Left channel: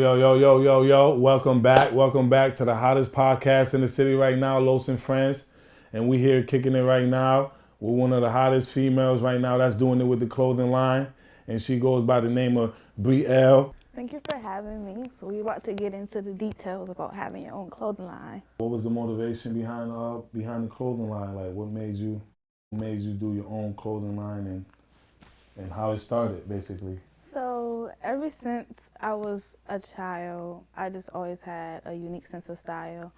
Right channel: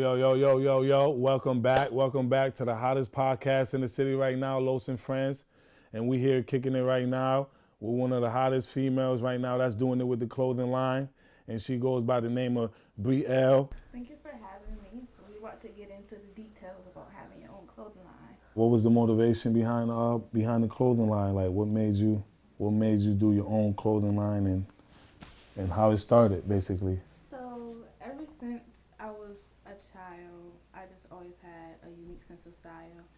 Yo. Welcome back to the hottest podcast in the city right now, Los and Friends. And we here kicking it right now with one of the hottest females right now that's doing it with the clothing line. And she goes by the name of Brielle. Thank you for having me. So we're about to get into the details about having your own clothing line. What was the motivation behind the clothing line? Like what made you do your own clothing line and how it started basically? So ever since I was a child, I just always had a unique sense of style.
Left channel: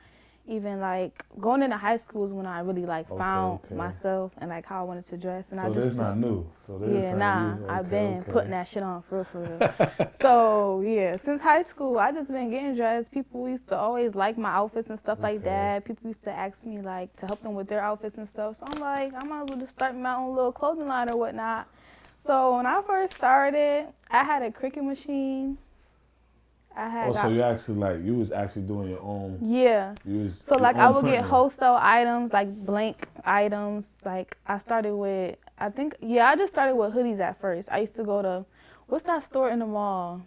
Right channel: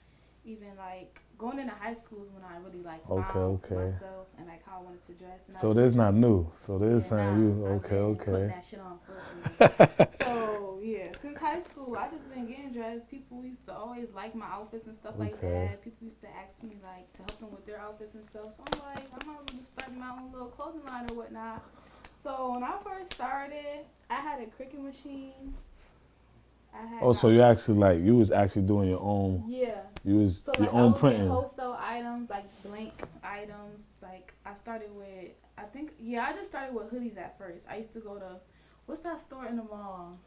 Even like going into high school is when I really found myself and like how I wanted to dress. And so this not new. So this I've been putting that shit on for real. So yeah, since high school I just been getting dressed. People used to always like my outfits and stuff like that. People used to ask me like to help them with their outfits and stuff. So I'm like, I might as well just start my own little clothing line or whatnot. So when I first started, I had a Cricut machine. So you was actually doing your own. Yeah. So I would get wholesale items, like blank items. Like I started with, I just started with hoodies at first. I used to go to, what's that store in the mall?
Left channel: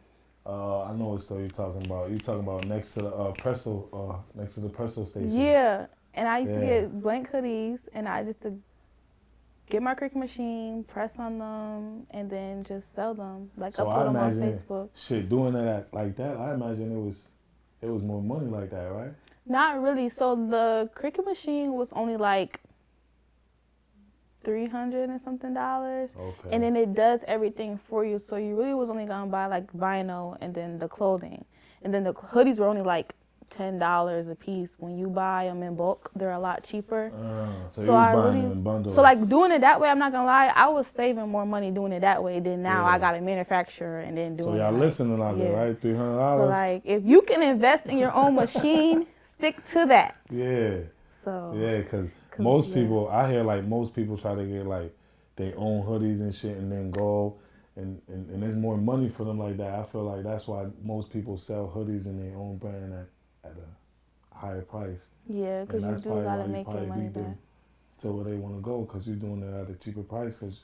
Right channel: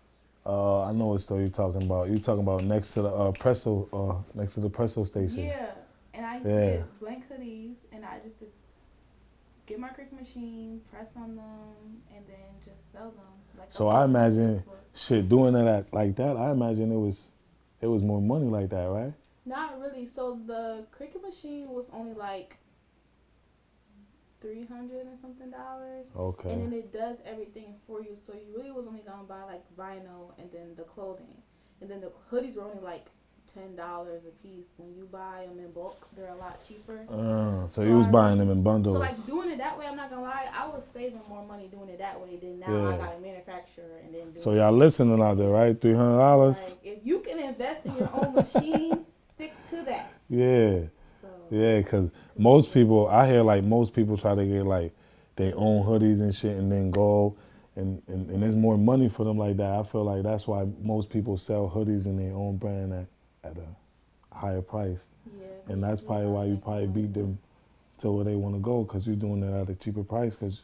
I know what store you're talking about. You're talking about next to the Presso station. Yeah. And I used to get blank hoodies, and I just get my Cricut machine, press on them, and then just sell them. So I imagine doing that like that. I imagine it was more money like that, right? Not really. So the Cricut machine was only like $300 and something. Okay. And then it does everything for you. So you really was only gonna buy like vinyl and then the clothing, and then the hoodies were only like $10 a piece. When you buy them in bulk, they're a lot cheaper. So you was buying them in bundles. So like doing it that way, I'm not gonna lie, I was saving more money doing it that way than now I got a manufacturer and then doing it. So y'all listening out there, right? $300. So like if you can invest in your own machine, stick to that. Yeah. So yeah, because most people, I hear like most people try to get like their own hoodies and shit and then go and there's more money for them like that. I feel like that's why most people sell hoodies in their own brand at a higher price. Yeah, and that's probably why you probably beat them to where they want to go, because you're doing it at a cheaper price, because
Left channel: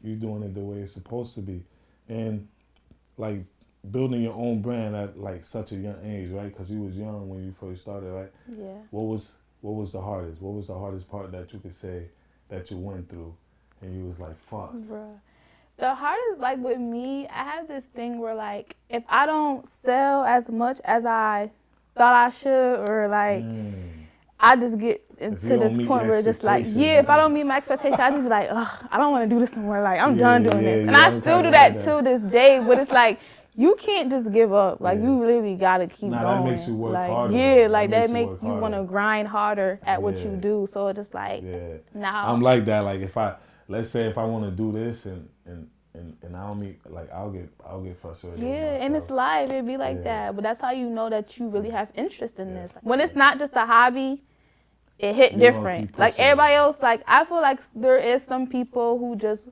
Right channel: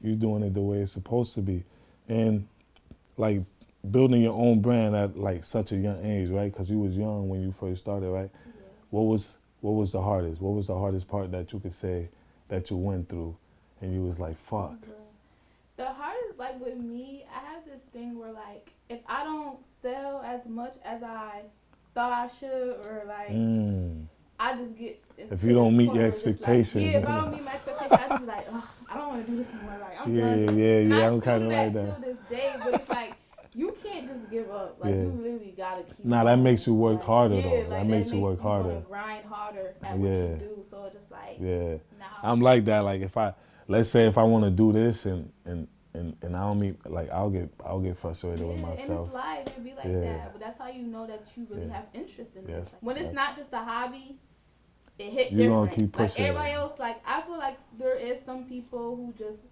you're doing it the way it's supposed to be. And like building your own brand at like such a young age, right? Because you was young when you first started, right? Yeah. What was the hardest? What was the hardest part that you could say that you went through and you was like, fuck? Bruh. The hardest, like with me, I have this thing where like if I don't sell as much as I thought I should, or like I just get into if you don't this meet point your where just expectations, like, if I don't meet my expectations, I just be like, ugh, I don't want to do this anymore. Like I'm done doing this. And I still do that to this day, but it's like you can't just give up. Like you really gotta keep going. That makes you work harder. Yeah, like that makes you want to grind harder at what you do. So it's just like I'm like that. Like let's say if I want to do this and I don't meet, like I'll get frustrated with myself. Yeah, and it's life, it'd be like that. But that's how you know that you really have interest in this. When it's not just a hobby, it hit different. Like everybody else, like I feel like there is some people who just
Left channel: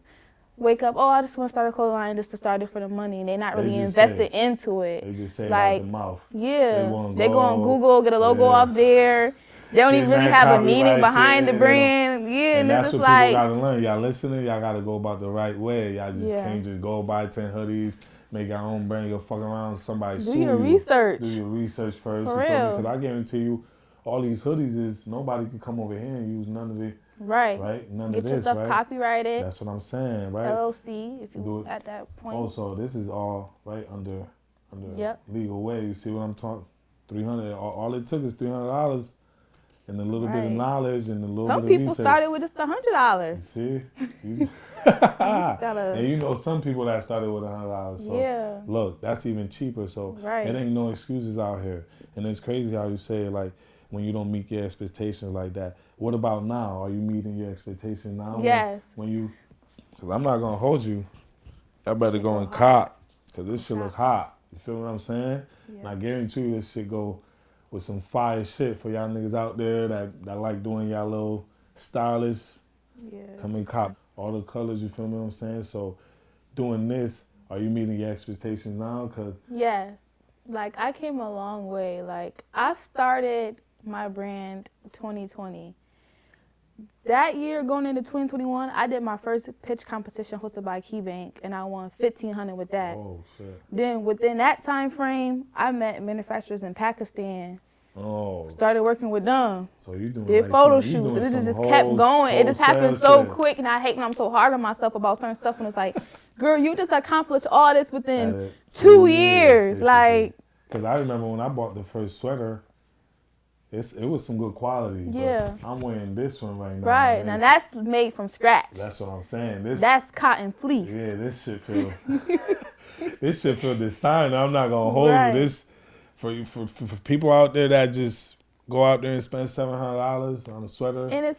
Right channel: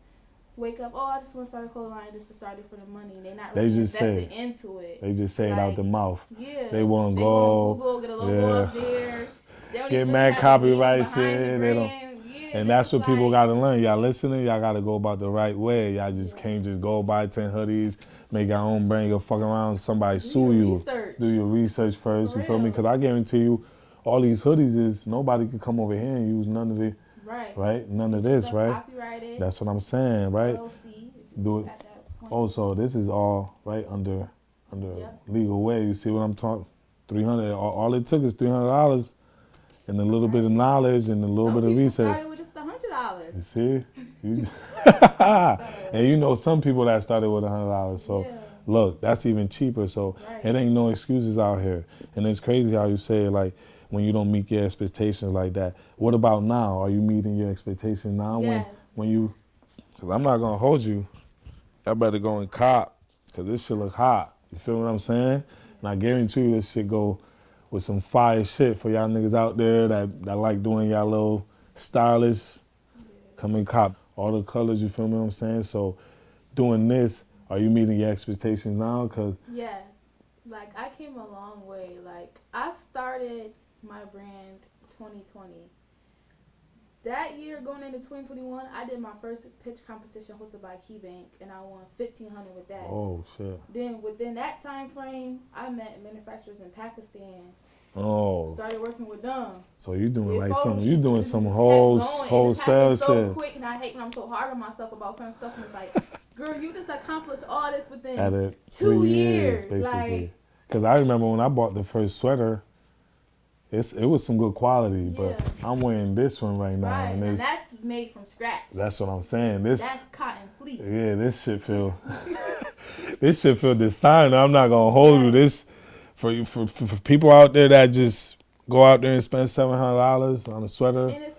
wake up, I just want to start a clothing line just to start it for the money, and they're not really invested into it. They just say it out the mouth. Yeah. They want to go on Google, get a logo up there. They don't even really have a meaning behind the brand. Yeah, and that's what people got to learn. Y'all listening, y'all got to go about the right way. Y'all just can't just go buy 10 hoodies, make your own brand, go fuck around, somebody sue you. Do your research first, you feel me? Because I guarantee you, all these hoodies is, nobody could come over here and use none of it. Right? None of this, right? Copyrighted. That's what I'm saying, right? LLC, if you do it at that point. Also, this is all, right, under legal way. You see what I'm talking? $300, all it took is $300. And a little bit of knowledge and a little bit of research. Some people started with just $100. You see? And you know some people that started with $100. So look, that's even cheaper. So it ain't no excuses out here. And it's crazy how you say it, like when you don't meet your expectations like that. What about now? Are you meeting your expectations now? Yes. Because I'm not going to hold you. I better go and cop, because this shit look hot. You feel what I'm saying? And I guarantee you this shit go with some fire shit for y'all niggas out there that like doing y'all little stylish. Come and cop all the colors, you feel me what I'm saying? So doing this, are you meeting your expectations now? Yes. Like I came a long way. Like I started my brand 2020. that year going into 2021, I did my first pitch competition hosted by KeyBank, and I won $1,500 with that. Oh shit! Then within that time frame, I met manufacturers in Pakistan. Oh. Started working with them. So you doing did like photo some, you shoots. doing This some just whole, kept going. It just happened so quick, and I hate when I'm so hard on myself about certain stuff. And it's like, girl, you just accomplished all this within 2 years. Like, because I remember when I bought the first sweater, it was some good quality, but I'm wearing this one right now. Right, and that's made from scratch. That's what I'm saying. That's cotton fleece. Yeah, this shit feel designer. I'm not gonna hold you. This for people out there that just go out there and spend $700 on a sweater. And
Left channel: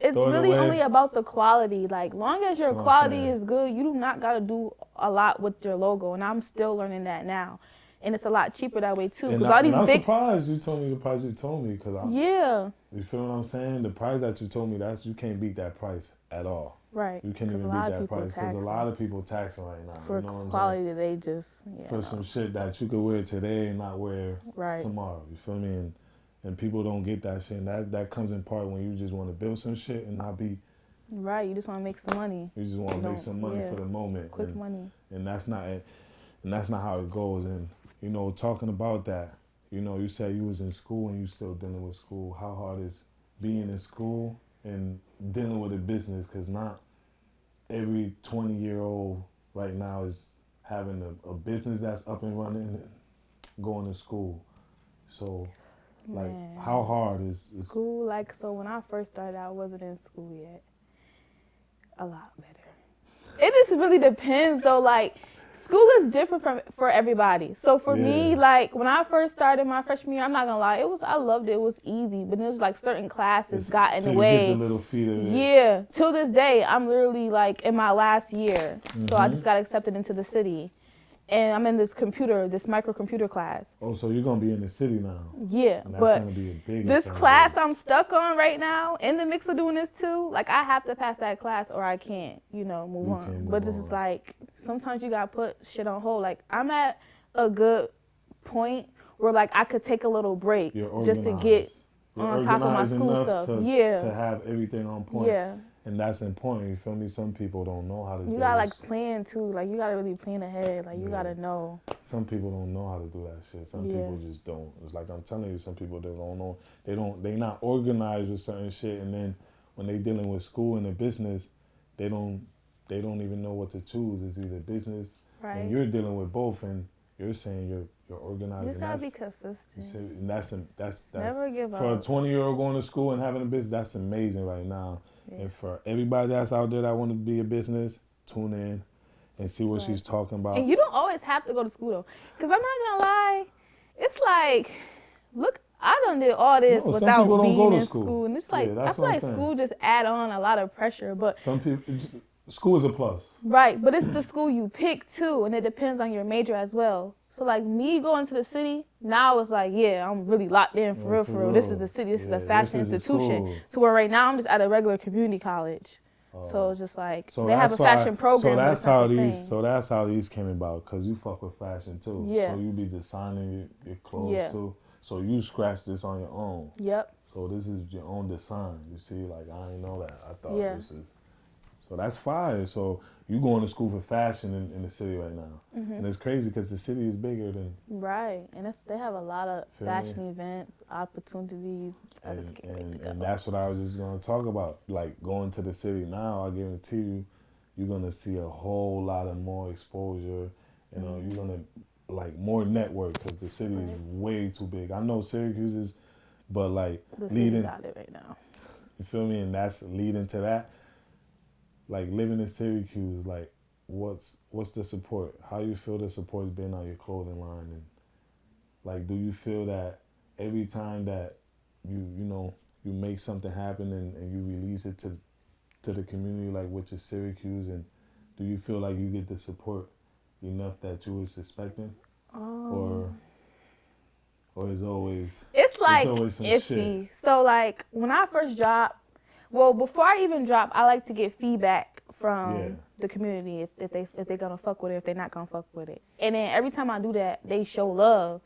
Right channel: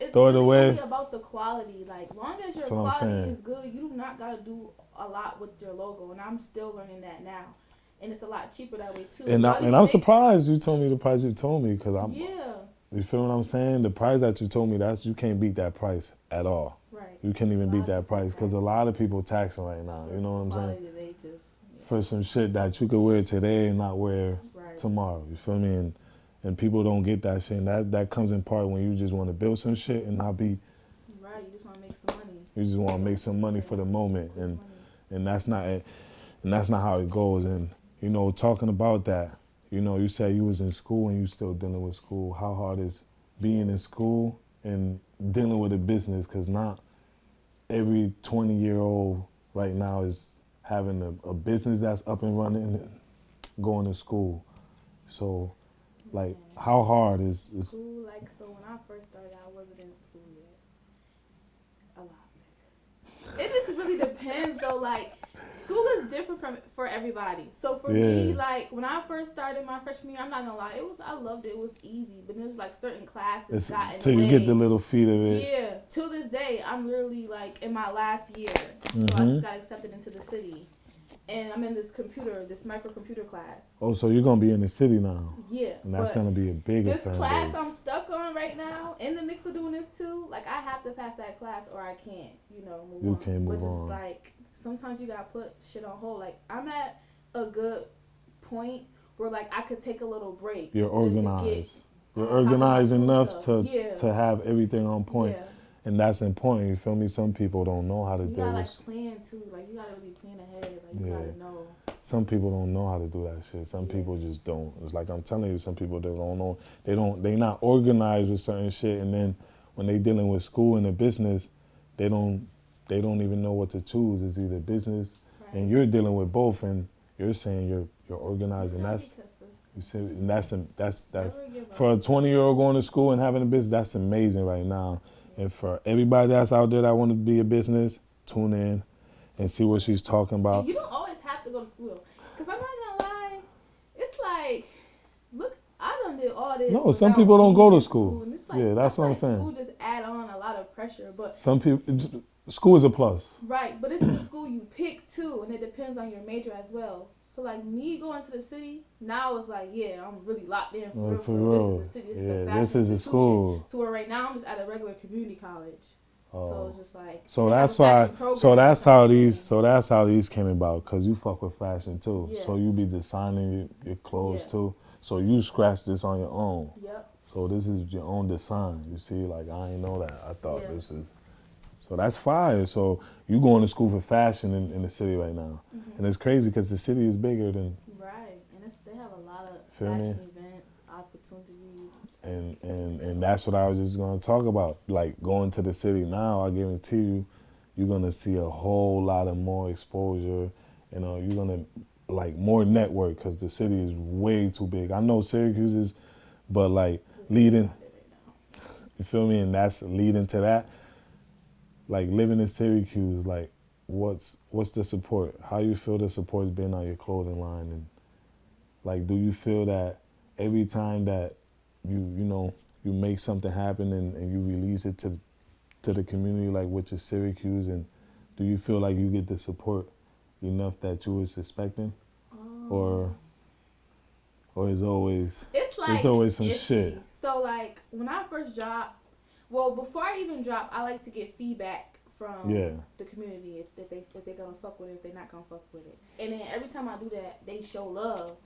it's really only about the quality. Like, long as your quality is good, you do not gotta do a lot with your logo. And I'm still learning that now. And it's a lot cheaper that way too. And I'm surprised you told me the price you told me, because you feel what I'm saying? The price that you told me, you can't beat that price at all. Right. You can't even beat that price, because a lot of people taxing right now. For you know what I'm quality, saying? they just for some shit that you could wear today and not wear tomorrow. You feel me? And people don't get that shit. And that comes in part when you just want to build some shit and not be. Right. You just want to make some money. You just want to make some money for the moment, and that's not how it goes. And you know, talking about that, you know, you said you was in school and you still dealing with school. How hard is being in school and dealing with a business? Because not every 20-year-old right now is having a business that's up and running and going to school. So, like, how hard is school? Like, so when I first started, I wasn't in school yet. A lot better. It just really depends, though. Like, school is different for everybody. So for me, like, when I first started my freshman year, I'm not gonna lie, I loved it. It was easy, but it was like certain classes got in the way. Till you get the little feet of it. Yeah. Till this day, I'm literally like in my last year, so I just got accepted into the city, and I'm in this microcomputer class. Oh, so you're gonna be in the city now? Yeah. And that's gonna be a big. This class I'm stuck on right now, in the mix of doing this too. Like, I have to pass that class or I can't, move on. But it's like, sometimes you gotta put shit on hold. Like, I'm at a good point where, like, I could take a little break. You're organized. Just to get You're organized enough to have everything on point. Yeah. And that's important, you feel me? Some people don't know how to do it. You gotta, like, plan too. Like, you gotta really plan ahead. Like, you gotta know. Some people don't know how to do that shit. Some people just don't. It's like I'm telling you, some people, they don't know. They not organized with certain shit, and then when they dealing with school and the business, they don't even know what to choose. It's either business, and you're dealing with both, and you're saying you're organized, and that's you see, and that's for a 20-year-old going to school and having a business. That's amazing right now. And for everybody that's out there that want to be a business, tune in and see what she's talking about. And you don't always have to go to school, though. Because I'm not going to lie, it's like, look, I done did all this. No, some people don't go to school. And it's like, that's what I'm saying. School just add on a lot of pressure. But some people, school is a plus. Right, but it's the school you pick, too, and it depends on your major as well. So, like, me going to the city, now it's like, I'm really locked in for real. This is the city. This is a fashion institution. So, where right now I'm just at a regular community college. So it's just like, that's how these came about, because you fuck with fashion too. So you be designing your clothes too. So you scratch this on your own. Yep. So this is your own design. You see, like, I didn't know that. I thought this is. So that's fire. So you going to school for fashion in the city right now. And it's crazy because the city is bigger than. Right. And they have a lot of fashion events, opportunities. And that's what I was just going to talk about. Like, going to the city now, I guarantee you, you're going to see a whole lot of more exposure. You know, you're going to, like, more network, because the city is way too big. I know Syracuse is, but, like, leading. Right now. You feel me? And that's leading to that. Like, living in Syracuse, like, what's the support? How you feel the support's been on your clothing line? And, like, do you feel that every time that you make something happen and you release it to the community, like with your Syracuse, and do you feel like you get the support enough that you was expecting? Or is always it's always some shit? So, like, when I first dropped, well, before I even drop, I like to get feedback from the community if they're gonna fuck with it, if they're not gonna fuck with it. And then every time I do that, they show love.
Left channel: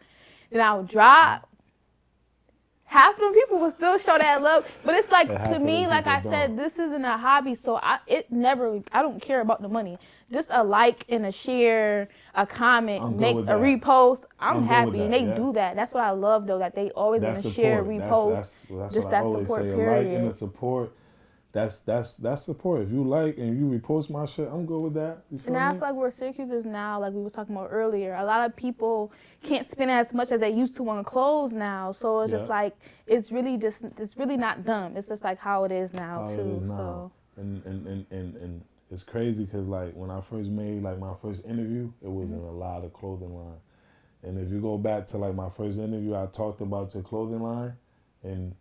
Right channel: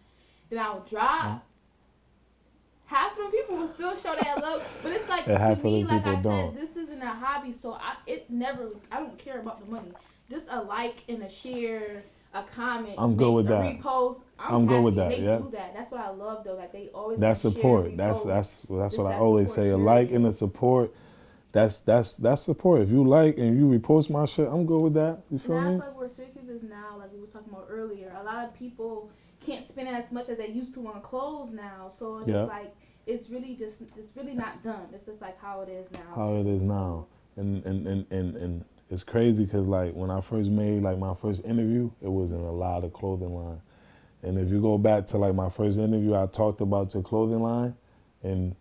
Then I'll drop, half of them people will still show that love. But it's like, to me, like I said, this isn't a hobby, so I don't care about the money. Just a like and a share, a comment, a repost. I'm happy. With that, they do that. That's what I love, though. That they always share, repost. That's what I always say. A like and a support. That's support. If you like and you repost my shit, I'm good with that. You feel me? I feel like where Syracuse is now, like we were talking about earlier, a lot of people can't spend as much as they used to on clothes now. So it's just like it's really not dumb. It's just like how it is now. How it is now. So. And it's crazy because like when I first made like my first interview, it was in a lot of clothing line. And if you go back to like my first interview, I talked about your clothing line, and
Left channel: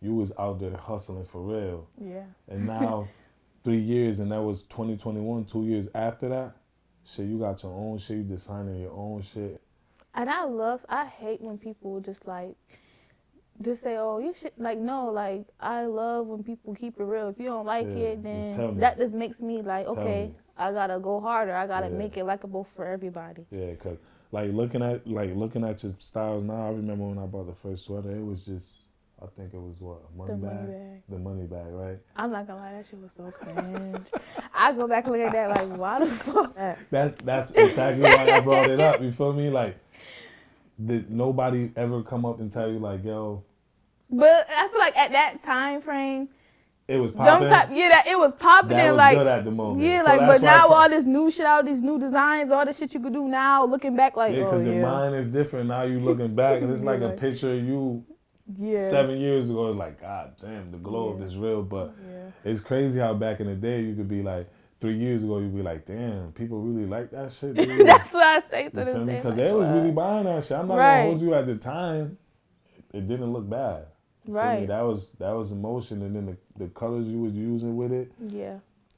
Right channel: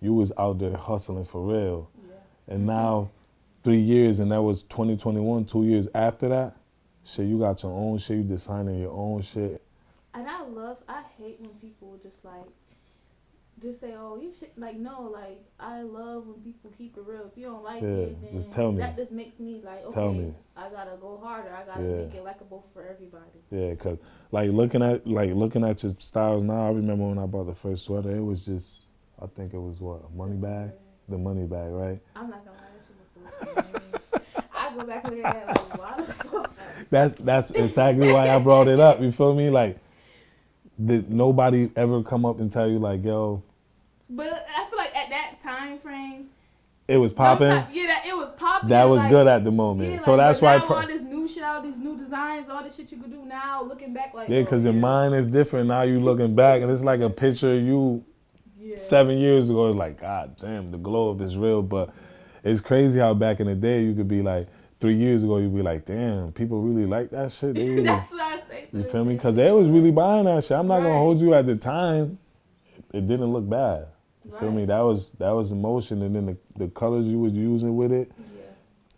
you was out there hustling for real. Yeah. And now 3 years, and that was 2021, 2 years after that, shit, you got your own shit, you designing your own shit. And I hate when people just say, oh, you should, like, no, like, I love when people keep it real. If you don't like it, then that just makes me like, okay, I gotta go harder. I gotta make it likable for everybody. Yeah, cause like looking at your styles now, I remember when I bought the first sweater, it was just, I think it was what, a money bag? The money bag, right? I'm not gonna lie, that shit was so cringe. I go back and look at that like, why the fuck? That's exactly why I brought it up. You feel me? Like, did nobody ever come up and tell you like, yo? But I feel like at that time frame, it was popping. It was popping. That was good at the moment. Yeah, so like, that's but why now all this new shit, all these new designs, all the shit you could do now, looking back like, because your mind is different now. You looking back and it's like a picture of you 7 years ago. It's like, God damn, the glow up is real. But it's crazy how back in the day you could be like, 3 years ago you'd be like, damn, people really like that shit. That's what I say. You feel me? Because they was really buying that shit. I'm not gonna hold you at the time. It didn't look bad. You feel me? That was emotion, and then the colors you was using with it. Yeah.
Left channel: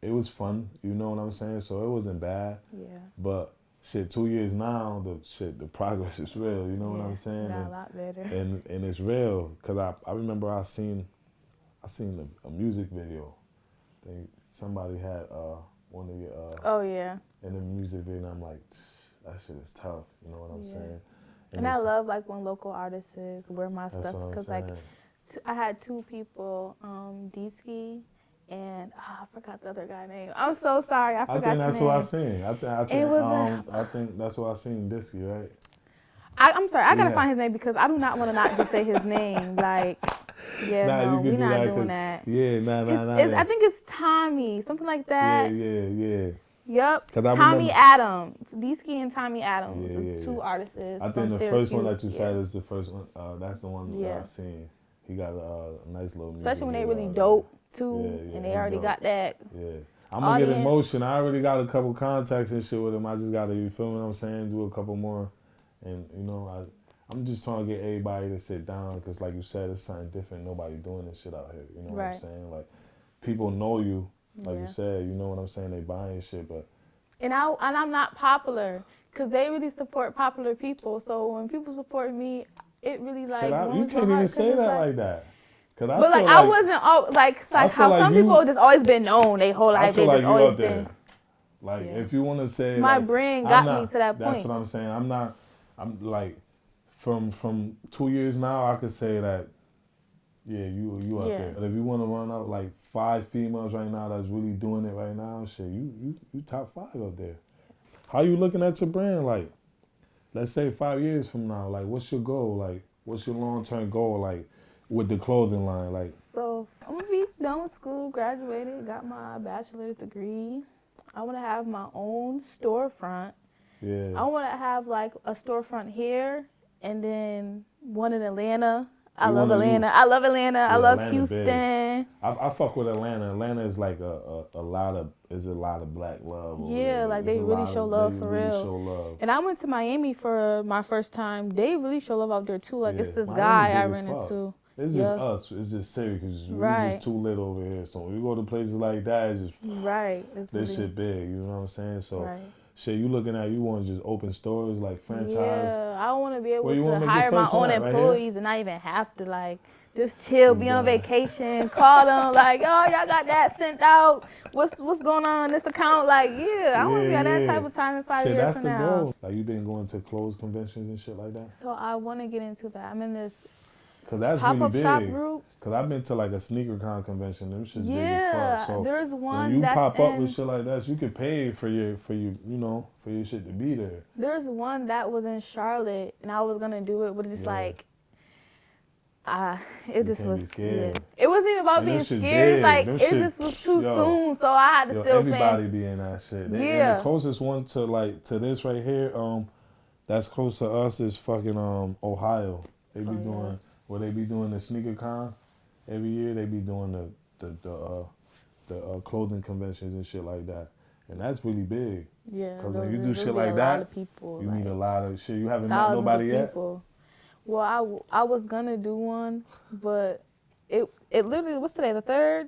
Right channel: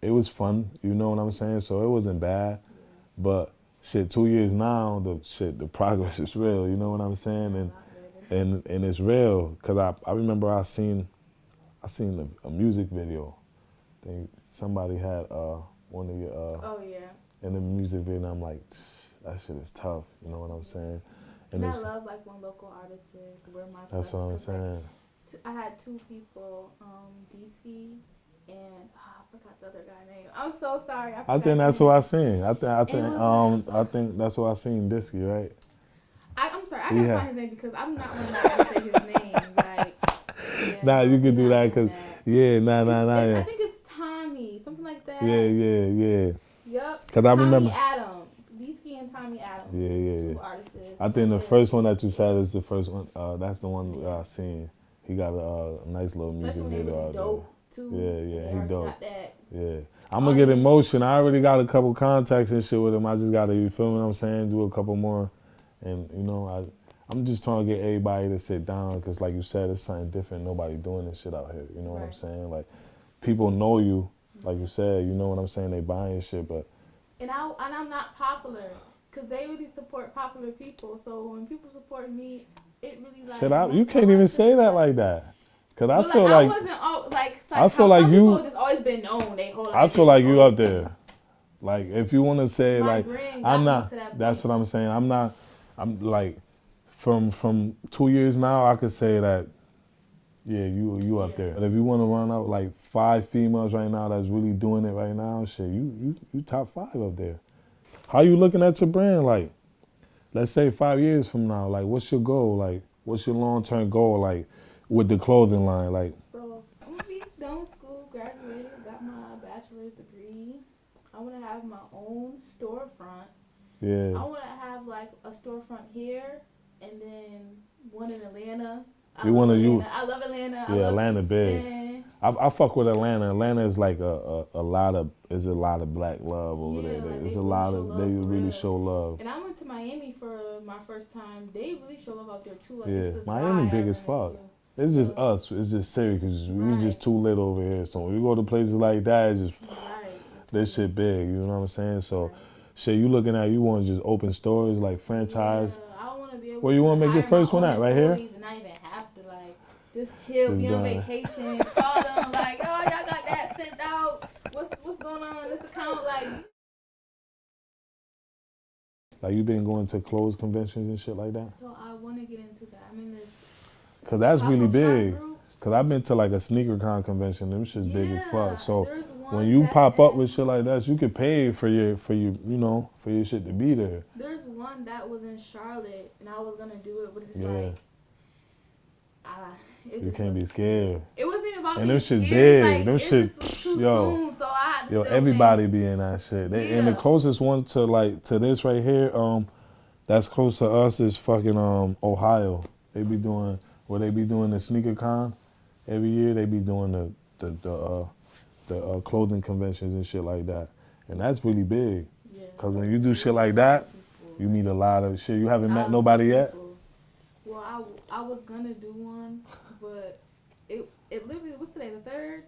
It was fun. You know what I'm saying? So it wasn't bad. Yeah. But shit, 2 years now, the progress is real. You know what I'm saying? A lot better. And it's real. Cause I remember I seen a music video. Somebody had one of your in the music video, and I'm like, that shit is tough. You know what I'm saying? And I love like when local artists wear my stuff. That's what I'm saying. Like, I had two people, D-Ski and I forgot the other guy's name. I'm so sorry. I think that's what I seen. I think that's what I seen. D-Ski, right? I'm sorry. I gotta find his name because I'm not gonna not say his name. Like, you can do that because I think it's Tommy, something like that. Yeah. Yep. Because I remember Tommy Adams, D-Ski and Tommy Adams. Two artists. I think the first one that you said is the first one. That's the one that I seen. He got a nice little music. Especially when they really dope too. And they already got that. Yeah. I'm gonna get emotion. I already got a couple contacts and shit with him. I just gotta, you feel what I'm saying? Do a couple more, and you know, I'm just trying to get everybody to sit down because, like you said, it's something different. Nobody doing this shit out here. You know what I'm saying? Like, people know you. Like you said, you know what I'm saying? They buying shit, but. And I'm not popular because they really support popular people. So when people support me, it really like. You can't even say that like that. Cause I feel like I wasn't I feel like some people just always been known they whole life. I feel like you up there. Like if you want to say my like brain I'm got not. Me to that that's point. What I'm saying. I'm like from 2 years now. I could say that. Yeah, you up there. But if you want to run out like 5 females right now that's really doing it right now, shit, you top 5 up there. How you looking at your brand? Like, let's say 5 years from now, like, what's your goal? Like, what's your long-term goal? Like, with the clothing line, like. So I'm gonna be done with school, graduated, got my bachelor's degree. I want to have my own storefront. Yeah. I want to have like a storefront here, and then one in Atlanta. I love Atlanta. I love Atlanta Houston. Big. I fuck with Atlanta. Atlanta is like a lot of black love over there. Like it's they really show love. And I went to Miami for my first time. They really show love out there too. Like it's this Miami guy big I as ran fuck. into. It's just us. It's just Syracuse. We're just too lit over here. So when we go to places like that, it's just this shit big. You know what I'm saying? So. Shit, you looking at, you want to just open stores, like franchise? Yeah, I want to be able Where you want to make your first one at, right here? And not even have to, like, just chill, be on vacation, call them, like, oh, y'all got that sent out. What's going on in this account? Like, I want to be at that type of time in 5 years from now. That's the goal. Like, you been going to clothes conventions and shit like that? So I want to get into that. I'm in this Cause that's really pop-up shop big. group. Cause I've been to like a sneaker con convention. Them shit's big as fuck. So there's one when you that's pop up with shit like that, you could pay for your you know for your shit to be there. There's one that was in Charlotte, and I was gonna do it, but it's like. It you just can't was be scared. It wasn't even about and being them shit scared. big. Like, them it shit, just was too soon, so I had to still everybody think. be in that shit. And the closest one to this right here, that's close to us is fucking Ohio. They be doing the sneaker con every year. They be doing the clothing conventions and shit like that, and that's really big. Yeah. Cause when you do shit like that, you meet a lot of shit. You haven't met nobody yet. Well, I was gonna do one, but it literally, what's today, the 3rd?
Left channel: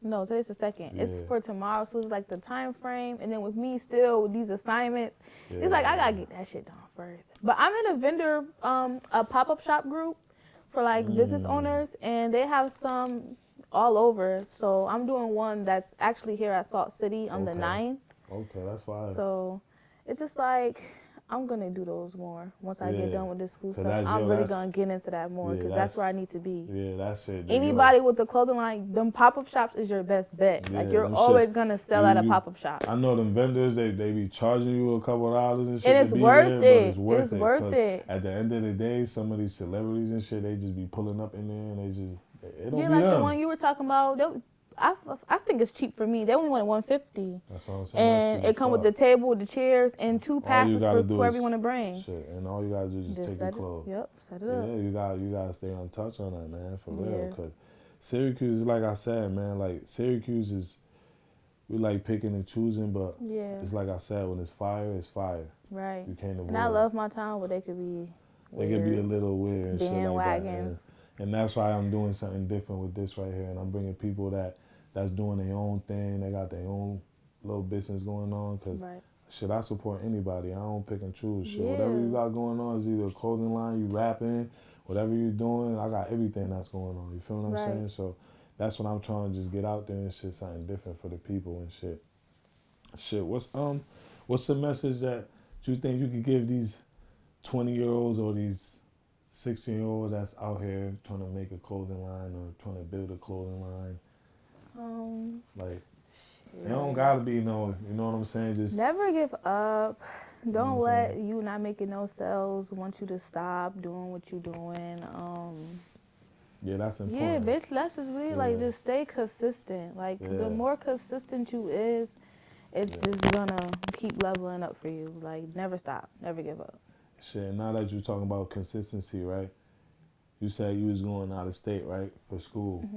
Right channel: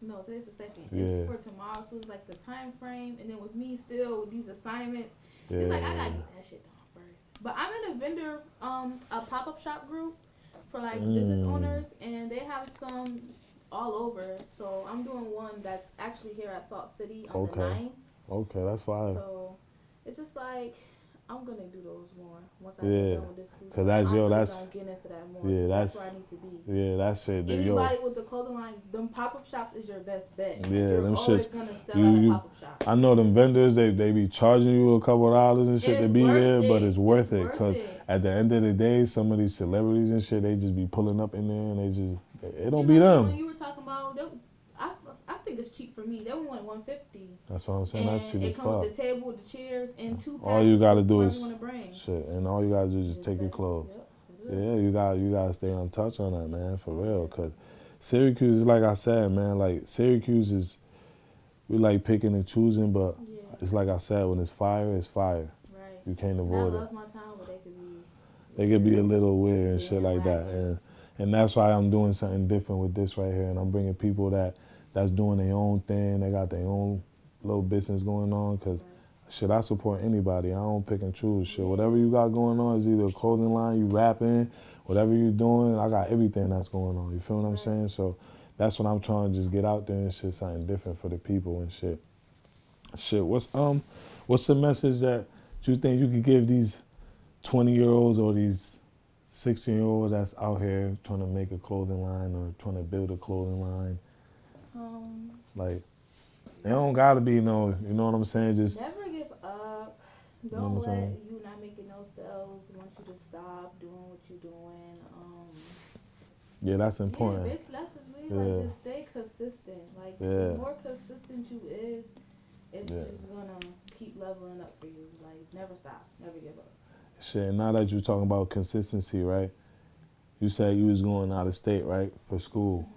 No, today's the 2nd. Yeah. It's for tomorrow, so it's like the time frame, and then with me still with these assignments, it's like I gotta get that shit done first. But I'm in a vendor, a pop-up shop group for like business owners, and they have some all over. So I'm doing one that's actually here at Salt City on the 9th. Okay, that's fine. So it's just like, I'm going to do those more once I get done with this school stuff. I'm really going to get into that more because that's where I need to be. Yeah, that's it. Anybody with the clothing line, them pop-up shops is your best bet. Yeah, like, you're always going to sell at a pop-up shop. I know them vendors, they be charging you a couple of dollars and shit to be there, but it's worth it. Because at the end of the day, some of these celebrities and shit, they just be pulling up in there and it don't be them. The one you were talking about, I think it's cheap for me. They only wanted $150. That's what I'm saying. And it comes with the table, the chairs, and 2 passes all you gotta do is, you want to bring. Shit, and all you gotta do is just take your clothes. Set it up. Yeah, you gotta stay on touch on that, man, for real. Cause Syracuse, like I said, man, like Syracuse is, we like picking and choosing, but it's like I said, when it's fire, it's fire. Right. You can't avoid it. And I love my town, but they could be. They could be a little weird and shit like that, and that's why I'm doing something different with this right here, and I'm bringing people that's doing their own thing. They got their own little business going on. Cause shit, I support anybody. I don't pick and choose. Shit, whatever you got going on is either a clothing line, you rapping, whatever you doing. I got everything that's going on. You feel what I'm saying? So that's what I'm trying to just get out there and shit, something different for the people and shit. Shit, what's the message that you think you could give these 20-year-olds or these 16-year-olds that's out here trying to make a clothing line or trying to build a clothing line? Like, it don't gotta be no, you know what I'm saying? Just never give up. Don't let you not making no sales want you to stop doing what you're doing. Yeah, that's important. Yeah, bitch, that's just really like just stay consistent. Like the more consistent you is, it's just gonna keep leveling up for you. Like never stop, never give up. Shit, now that you're talking about consistency, right? You said you was going out of state, right, for school.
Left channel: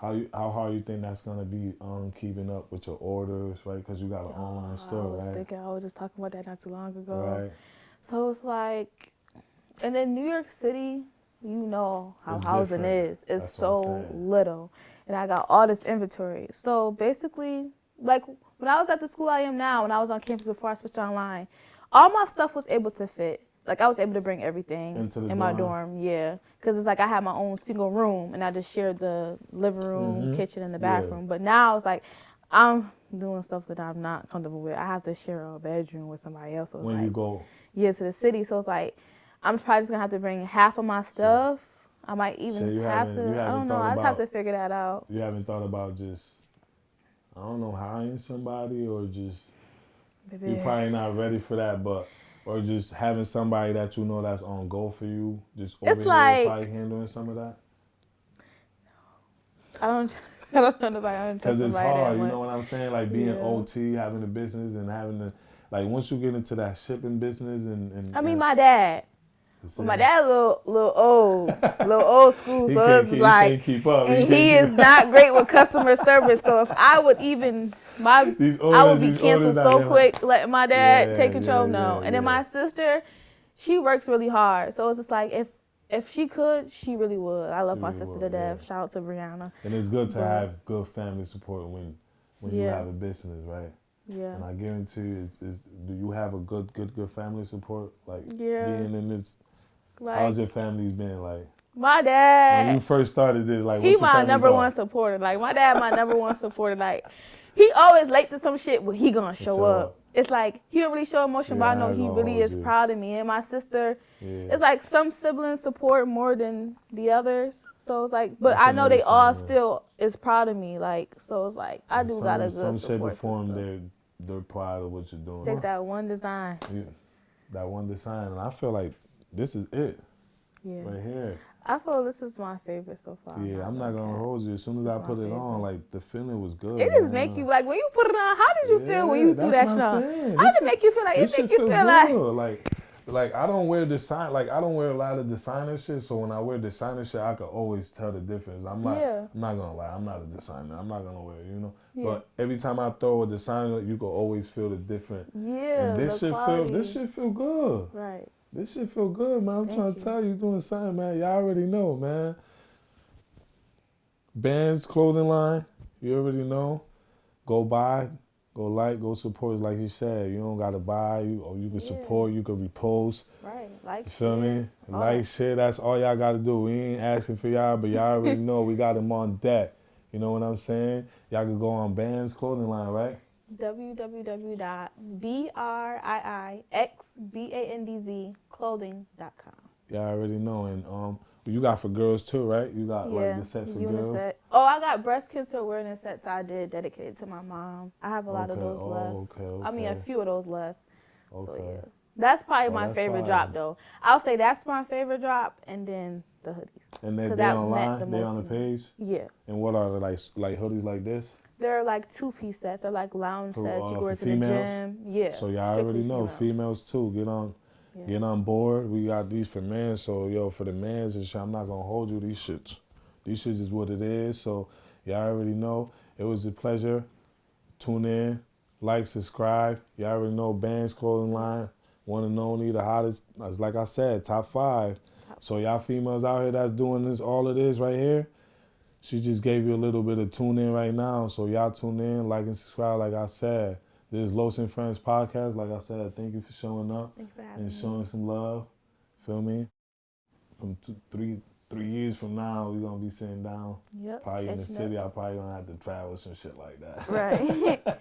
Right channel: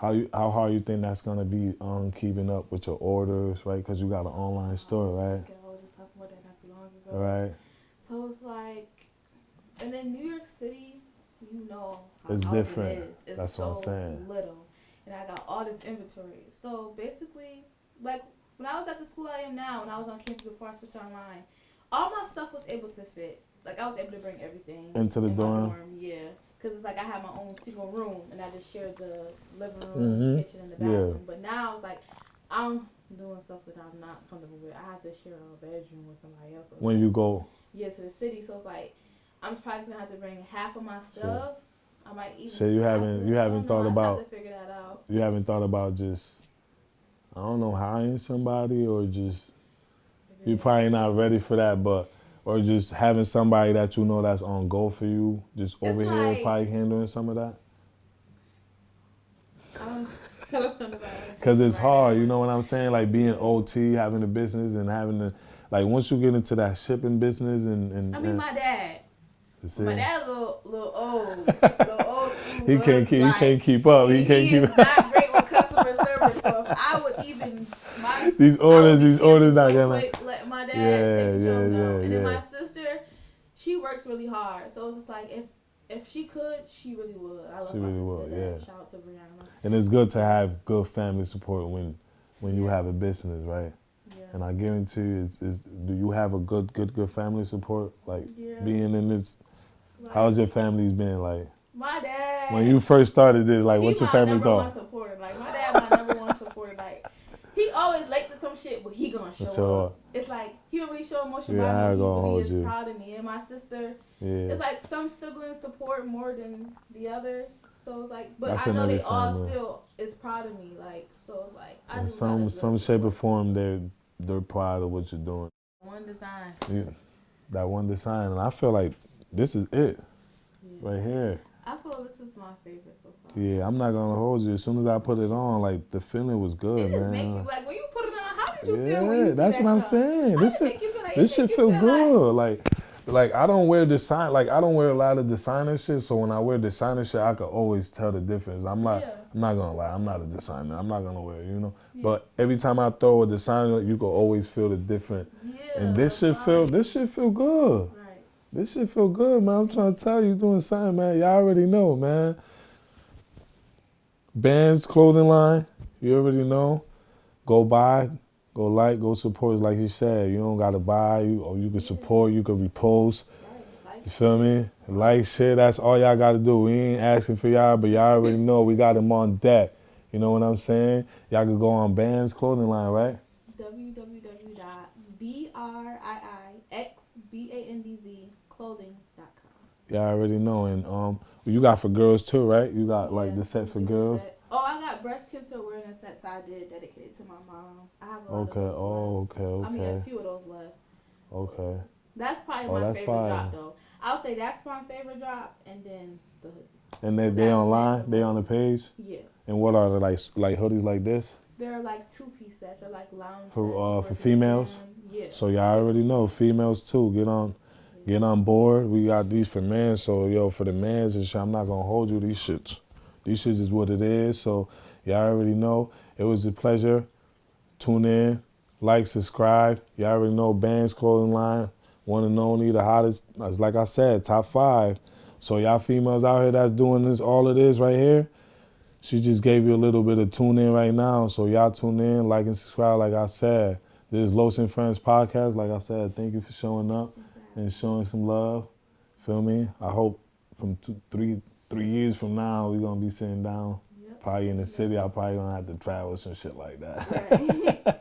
How hard you think that's gonna be keeping up with your orders, right? Because you got an online store, right? I was just talking about that not too long ago. Right. So it's like, and then New York City, you know how it's housing different. is. It's that's so little, and I got all this inventory. So basically, like when I was at the school I am now, when I was on campus before I switched online, all my stuff was able to fit. Like I was able to bring everything in my dorm, because it's like I had my own single room and I just shared the living room, kitchen, and the bathroom. But now it's like I'm doing stuff that I'm not comfortable with. I have to share a bedroom with somebody else. So when you go, to the city, so it's like I'm probably just gonna have to bring half of my stuff. I might even. So you haven't thought about. I have to figure that out. You haven't thought about just, I don't know, hiring somebody or just. You're probably not ready for that, but. Or just having somebody that you know that's on go for you, just over here probably handling some of that? I don't know. Because it's hard, you know what I'm saying? Like being OT, having a business and having to, like once you get into that shipping business and I mean, my dad. My dad a little old school. He can't keep up. He is not great with customer service. So if I would even these orders not so quick, let my dad take control now. And then my sister, she works really hard. So it's just like if she could, she really would. I love my sister to death. Shout out to Brianna. And it's good to have good family support when you have a business, right? Yeah. And I guarantee you, do you have a good family support? Like being in this. Like, how's your family's been like? My dad. When you first started this, like, what's your family thought? He my number one supporter. Like, my dad, my number one supporter. Like, he always late to some shit, but he gonna show up. up. It's like he don't really show emotion, but I know he really is proud of me. And my sister, it's like some siblings support more than the others. So it's like, but I know they all still is proud of me. Like, so it's like I do got a some shape or form they're proud of what you're doing. Takes that one design. Yeah, that one design, and I feel like this is it, right here. I feel this is my favorite so far. Yeah, I'm not gonna hold you. As soon as I put it on, like the feeling was good. It just make you like when you put it on. How did you feel when you do that? That's what I'm saying. How did it make you feel? Like this shit feel good. Like I don't wear design. Like I don't wear a lot of designer shit. So when I wear designer shit, I could always tell the difference. I'm not gonna lie. I'm not a designer. I'm not gonna wear it, you know. Yeah. But every time I throw a designer, you can always feel the difference. Yeah. And this shit feel good. Right. This shit feel good, man. I'm trying to tell you, doing something, man. Y'all already know, man. Bandz Clothing line, you already know. Go buy, go like, go support. Like you said, you don't gotta buy, or you can support, you can repost. Right. You feel me? Like shit, that's all y'all gotta do. We ain't asking for y'all, but y'all already know we got them on deck. You know what I'm saying? Y'all can go on Bandz Clothing line, right? www.BRIIXBANDZ Y'all already know, and you got for girls too, right? You got like the sets for girls. Oh, I got breast cancer awareness sets I did dedicated to my mom. I have a lot of those left. Okay. I mean, a few of those left. Okay. So, that's probably my favorite drop, though. I'll say that's my favorite drop, and then the hoodies. And they online? They on the page? Yeah. And what are they, like hoodies like this? They're like 2-piece sets. They're like lounge sets. For females? Yeah. So y'all already know, females too. Get on board. We got these for men. So for the mans and shit, I'm not gonna hold you. These shits is what it is. So y'all already know. It was a pleasure. Tune in, like, subscribe. Y'all already know Bandz Clothing line. One and only, the hottest. Like I said, top 5. So y'all females out here that's doing this, all of this right here. She just gave you a little bit of tune in right now. So y'all tune in, like and subscribe. Like I said, this is Los and Friends podcast. Like I said, thank you for showing up and showing some love. Feel me? I hope from 3 years from now we're gonna be sitting down. Probably in the city. I'm probably gonna have to travel some shit like that. Right.